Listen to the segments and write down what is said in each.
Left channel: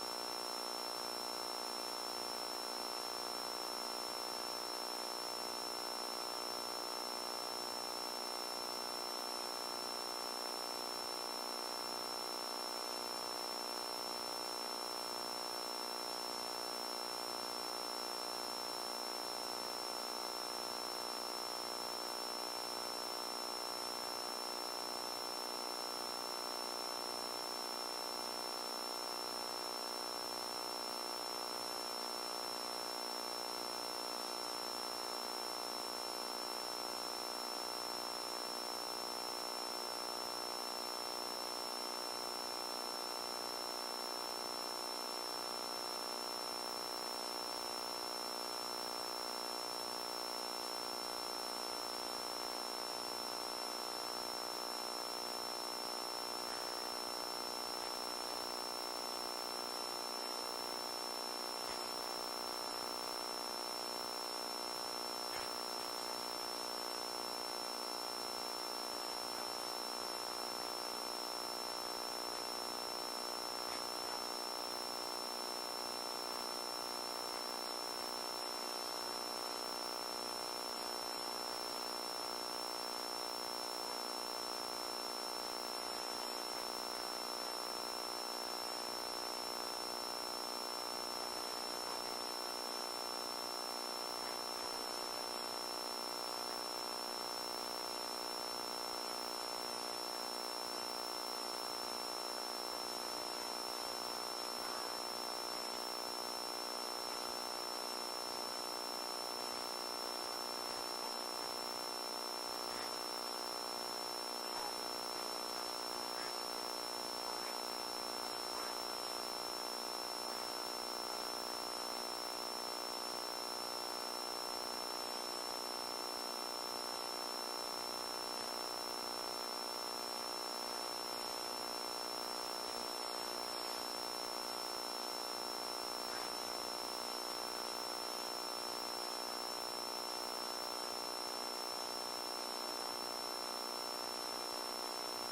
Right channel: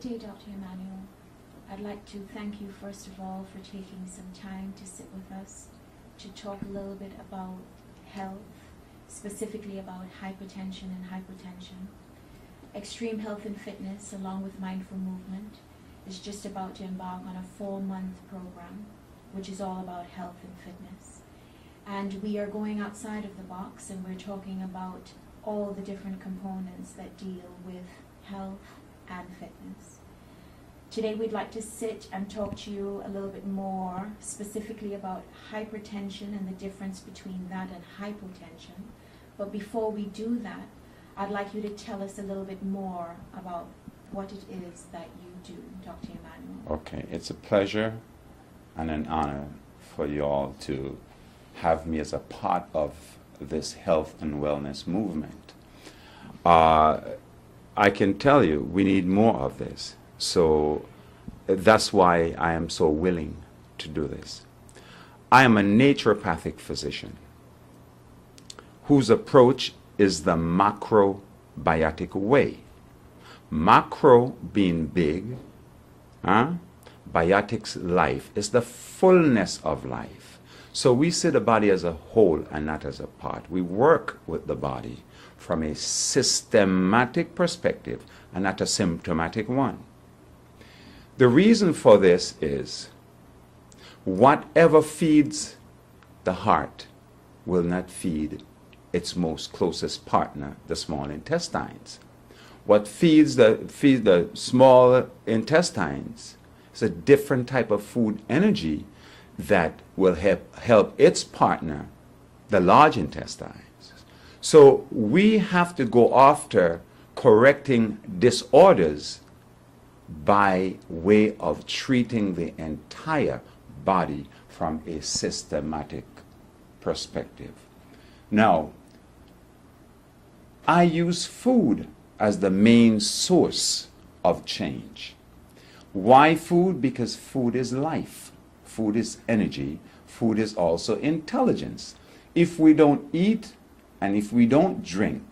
Good day, Dr. Emanuel. I'd like to thank you first of all for taking some time to sit with us to talk a little bit about health, specifically about hypertension and hypertension. Extreme Health and Fitness, along with Mindful Movement, is just about to embark on a 4-month program, which is all about health and fitness. And we are going outside of the box, and we're talking about all the different components that deal with health and fitness. Today we'd like to sit and talk to you a little bit more specifically about hypertension and the difference between that and hypotension. But before we do that, I'd like you to tell us a little bit more about what it is that you do, Dr. Emanuel. Okay, it's a pleasure and an honor for you all to have me as a part of this health and wellness movement. I can tell you we need more of this. So that's why I am so willing to do this. I am a naturopathic physician whose approach is the macrobiotic way. Macro being big, biotics life is the fullness of life. So we see the body as a whole and not as a part. We work with the body from a systematic perspective and not a symptomatic one. The reason for this is whatever feeds the heart will not feed its most closest partner, the small intestines. What feeds the small intestines is a different type of food energy that will help its partner, the large intestines. So we have to go after correcting disorders by way of treating the entire body from a systematic perspective. Now, I use food as the main source of change. Why food? Because food is life. Food is energy. Food is also intelligence. If we don't eat and if we don't drink,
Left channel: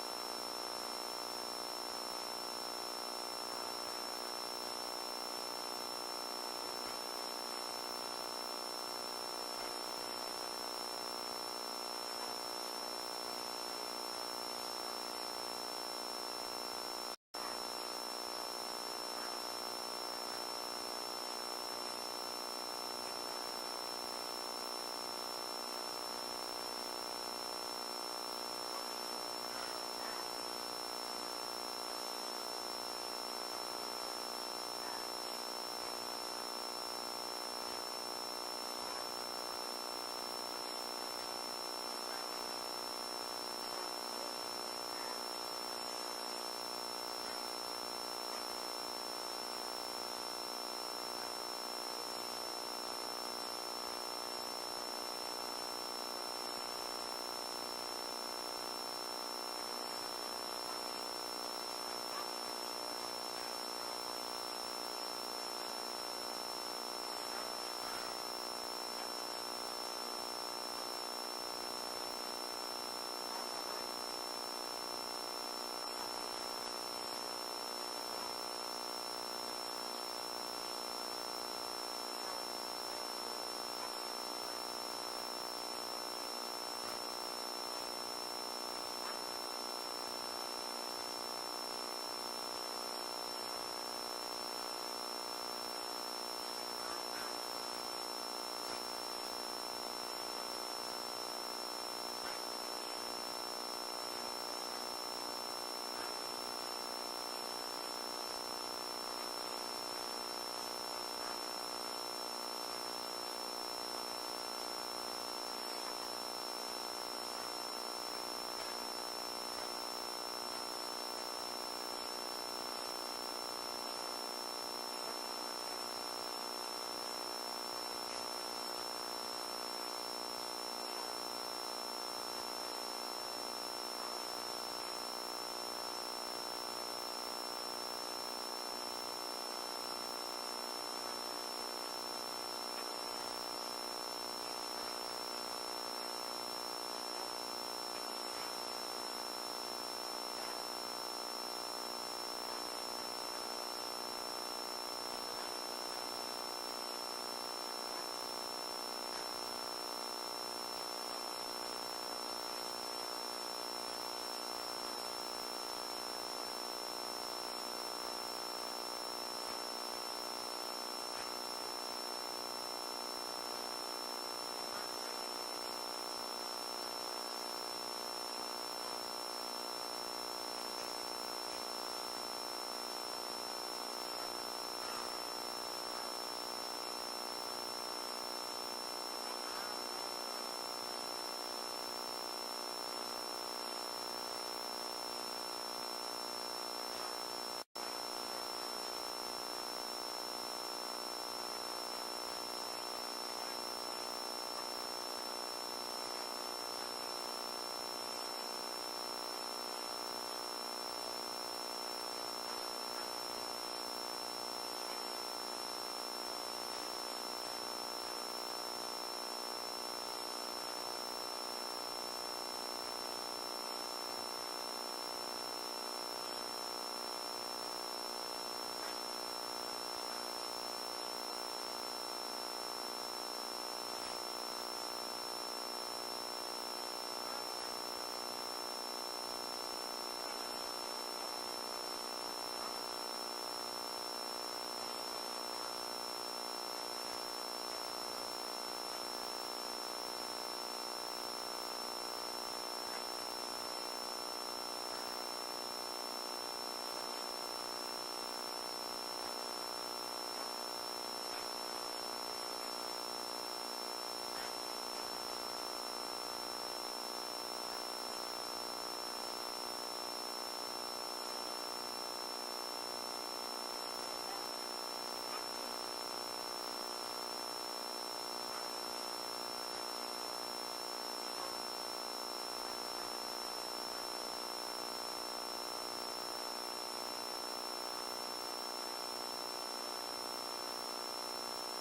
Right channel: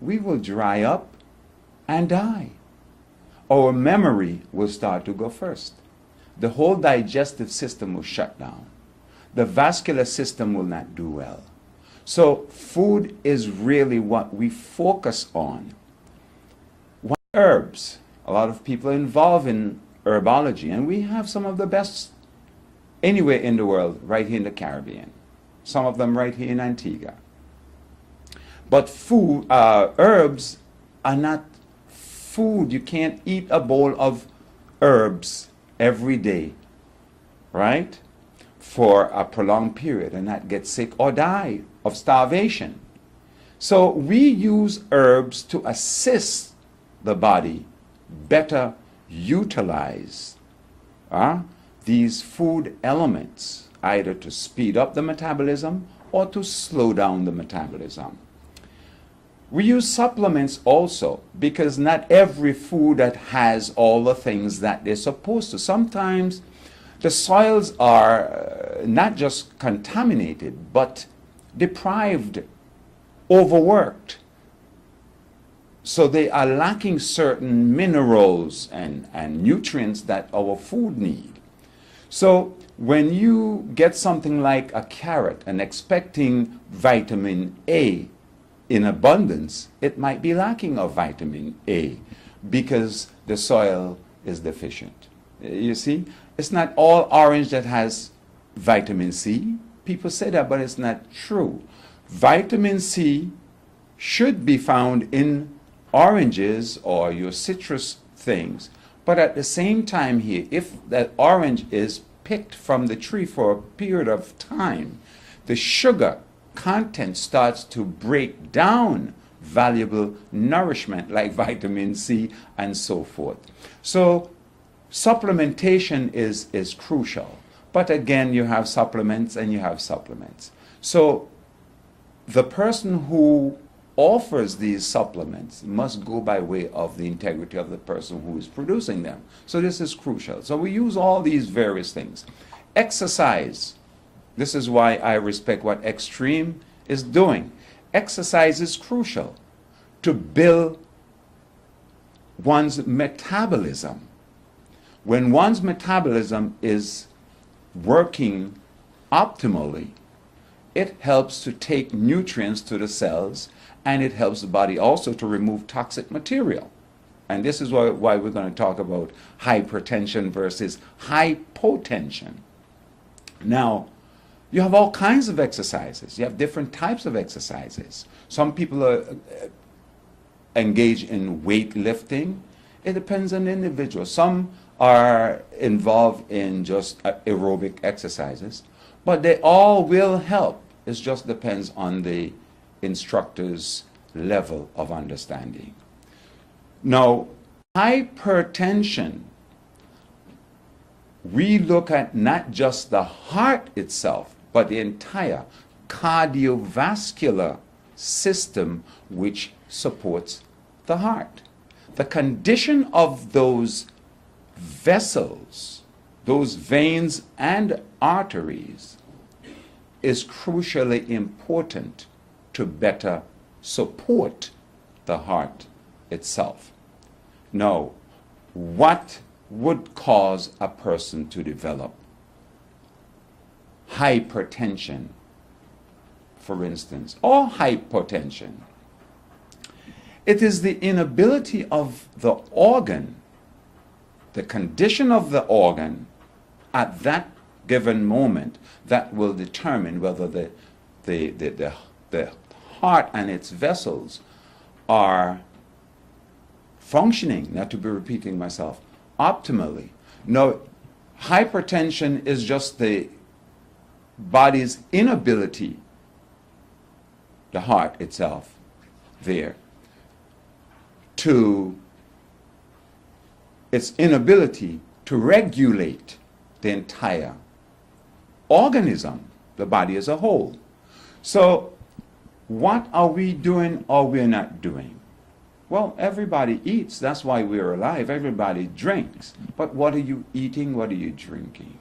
we will dry up and die. Our memory will start to go first. The whole digestive system will shut down. The vascular system will not do well. So food is really what we focus on. Herbs. A lot of people are involved in herbology, and we have some of the best anywhere in the world, right here in the Caribbean. Some of them right here in Antigua. But food, herbs are not food. You can't eat a bowl of herbs every day, right? For a prolonged period and not get sick or die of starvation. So we use herbs to assist the body better utilize these food elements, either to speed up the metabolism or to slow down the metabolism. We use supplements also because not every food that has all the things that they're supposed to. Sometimes the soils are not just contaminated, but deprived, overworked. So they are lacking certain minerals and nutrients that our food need. So when you get something like a carrot and expecting vitamin A in abundance, it might be lacking of vitamin A because the soil is deficient. You see, it's not all orange that has vitamin C. People say that, but it's not true. Vitamin C should be found in oranges or your citrus things. But at the same time here, if that orange is picked from the tree for a period of time, the sugar content starts to break down valuable nourishment like vitamin C and so forth. So supplementation is crucial. But again, you have supplements and you have supplements. So the person who offers these supplements must go by way of the integrity of the person who's producing them. So this is crucial. So we use all these various things. Exercise. This is why I respect what Extreme is doing. Exercise is crucial to build one's metabolism. When one's metabolism is working optimally, it helps to take nutrients to the cells, and it helps the body also to remove toxic material. And this is why we're going to talk about hypertension versus hypotension. Now, you have all kinds of exercises. You have different types of exercises. Some people are engaged in weightlifting. It depends on the individual. Some are involved in just aerobic exercises, but they all will help. It just depends on the instructor's level of understanding. Now, hypertension, we look at not just the heart itself, but the entire cardiovascular system which supports the heart. The condition of those vessels, those veins and arteries, is crucially important to better support the heart itself. Now, what would cause a person to develop hypertension, for instance, or hypotension? It is the inability of the organ, the condition of the organ at that given moment, that will determine whether the heart and its vessels are functioning, not to be repeating myself, optimally. No, hypertension is just the body's inability, the heart itself, there, to its inability to regulate the entire organism, the body as a whole. So, what are we doing or we're not doing? Well, everybody eats. That's why we're alive. Everybody drinks. But what are you eating? What are you drinking?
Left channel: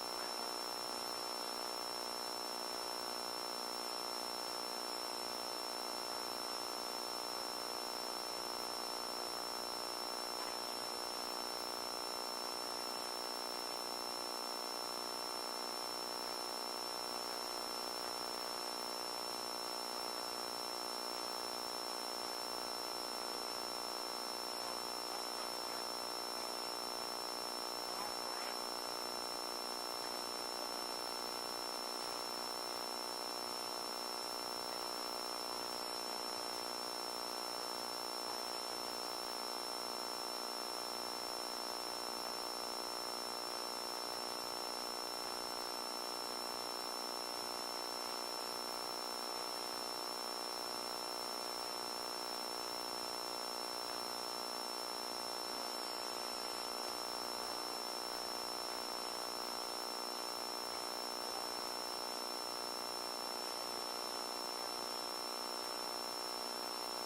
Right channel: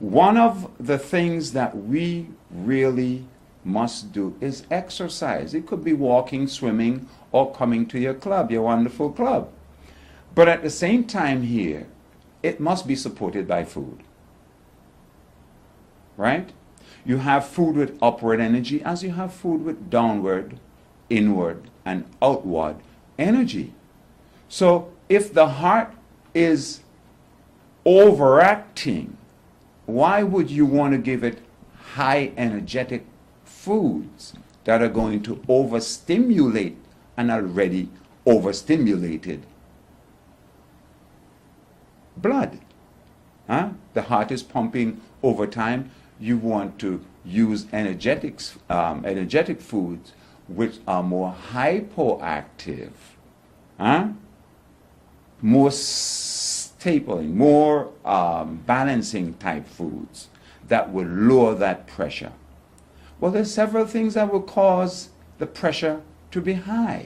One of the things that we really must do is exercise. It could be walking, swimming, or coming to your club, your wonderful club. But at the same time here, it must be supported by food. Right? You have food with upward energy as you have food with downward, inward, and outward energy. So if the heart is overacting, why would you want to give it high energetic foods that are going to overstimulate an already overstimulated blood? The heart is pumping over time. You want to use energetic foods which are more hypoactive, more stapling, more balancing type foods that will lower that pressure. Well, there's several things that will cause the pressure to be high.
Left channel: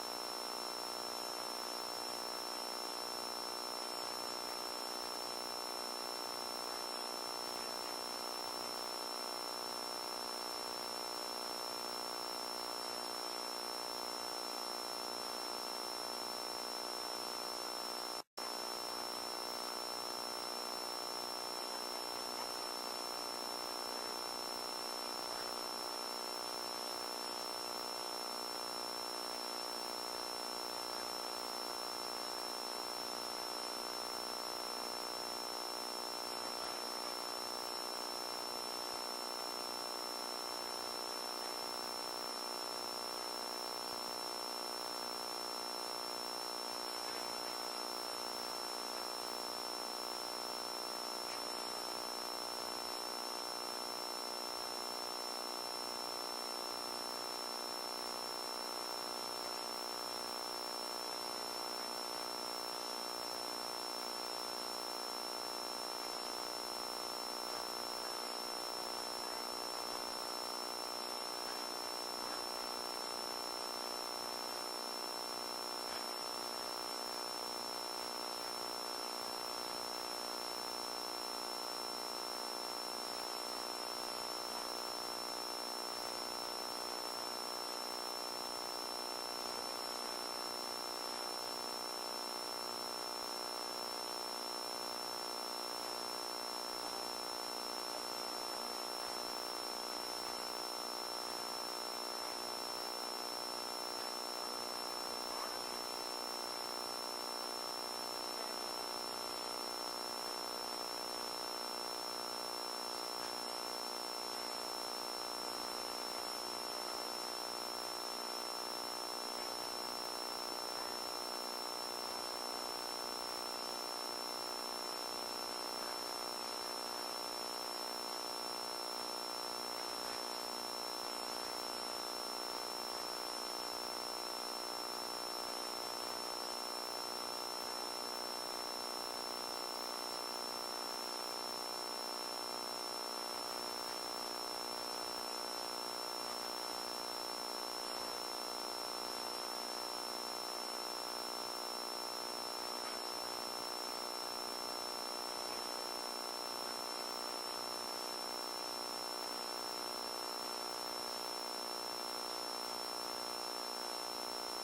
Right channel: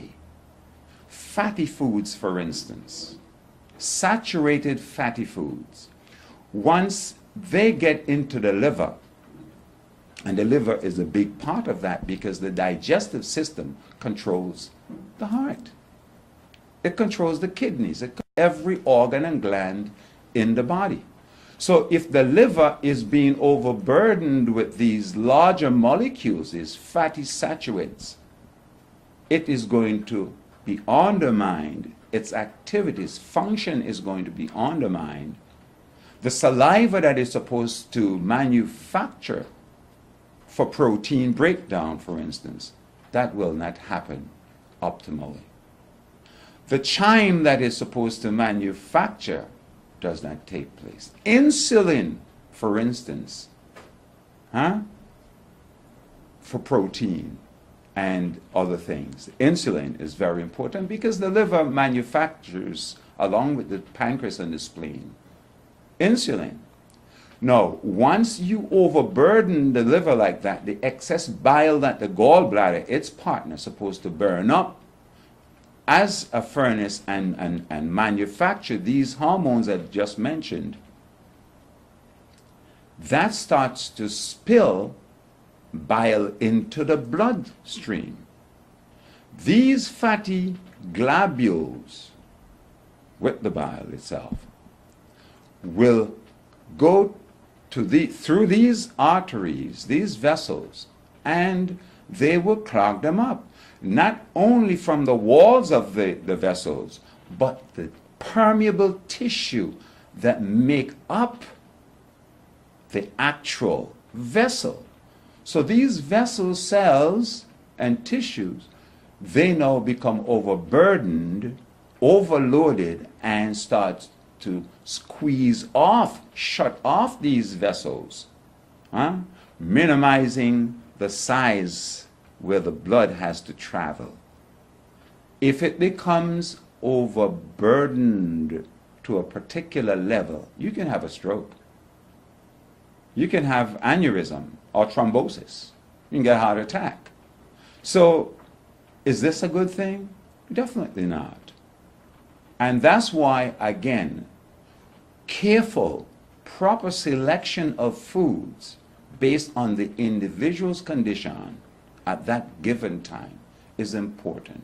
Fatty foods, for instance, saturated fatty foods. Once they get into the liver, and the liver is a big part of that because the digestive system controls the heart. It controls the kidneys, every organ and gland in the body. So if the liver is being overburdened with these larger molecules, these fatty saturates, it is going to be undermined. Its activities, function is going to be undermined. The saliva that is supposed to manufacture for protein breakdown, for instance, that will not happen optimally. The chyme that is supposed to manufacture does not take place. Insulin, for instance, for protein and other things. Insulin is very important because the liver manufactures, along with the pancreas and the spleen, insulin. Now, once you overburden the liver like that, the excess bile that the gallbladder, its partner, is supposed to burn up as a furnace and manufacture these hormones I've just mentioned, that starts to spill bile into the bloodstream. These fatty globules with the bile itself, will go through these arteries, these vessels, and they will clog them up. Not only from the walls of the vessels, but the permeable tissue that make up the actual vessel. So these vessel cells and tissues, they now become overburdened, overloaded, and start to squeeze off, shut off these vessels, minimizing the size where the blood has to travel. If it becomes overburdened to a particular level, you can have a stroke. You can have aneurysm or thrombosis. You can get a heart attack. So, is this a good thing? Definitely not. And that's why, again, careful, proper selection of foods based on the individual's condition at that given time is important.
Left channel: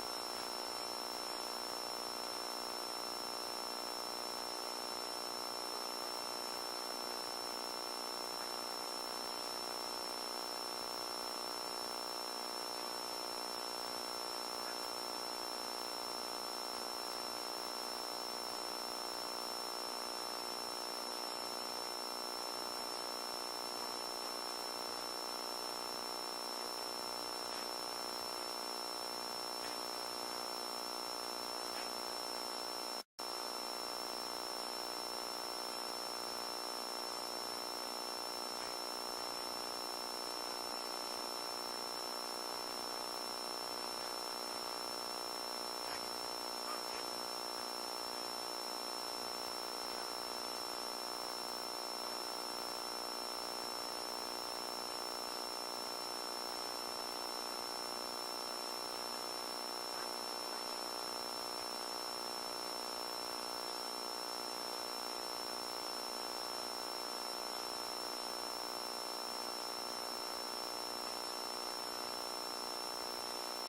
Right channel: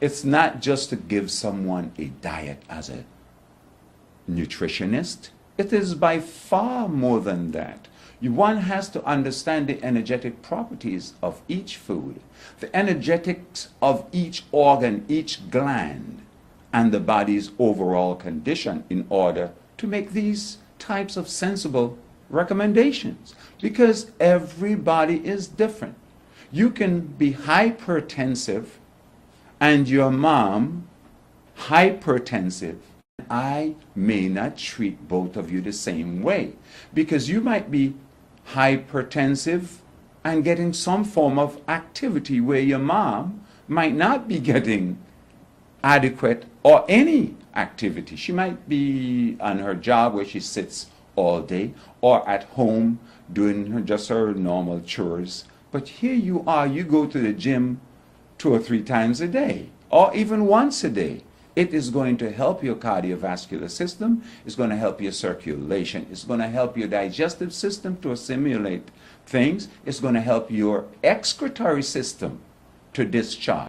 It's not just to give someone a diet as a nutritionist. It is by far more than that. One has to understand the energetic properties of each food, the energetics of each organ, each gland, and the body's overall condition in order to make these types of sensible recommendations. Because everybody is different. You can be hypertensive and your mom hypertensive. I may not treat both of you the same way, because you might be hypertensive and getting some form of activity where your mom might not be getting adequate or any activity. She might be on her job where she sits all day, or at home doing just her normal chores. But here you are, you go to the gym 2 or 3 times a day, or even once a day. It is going to help your cardiovascular system, it's going to help your circulation, it's going to help your digestive system to assimilate things, it's going to help your excretory system to discharge.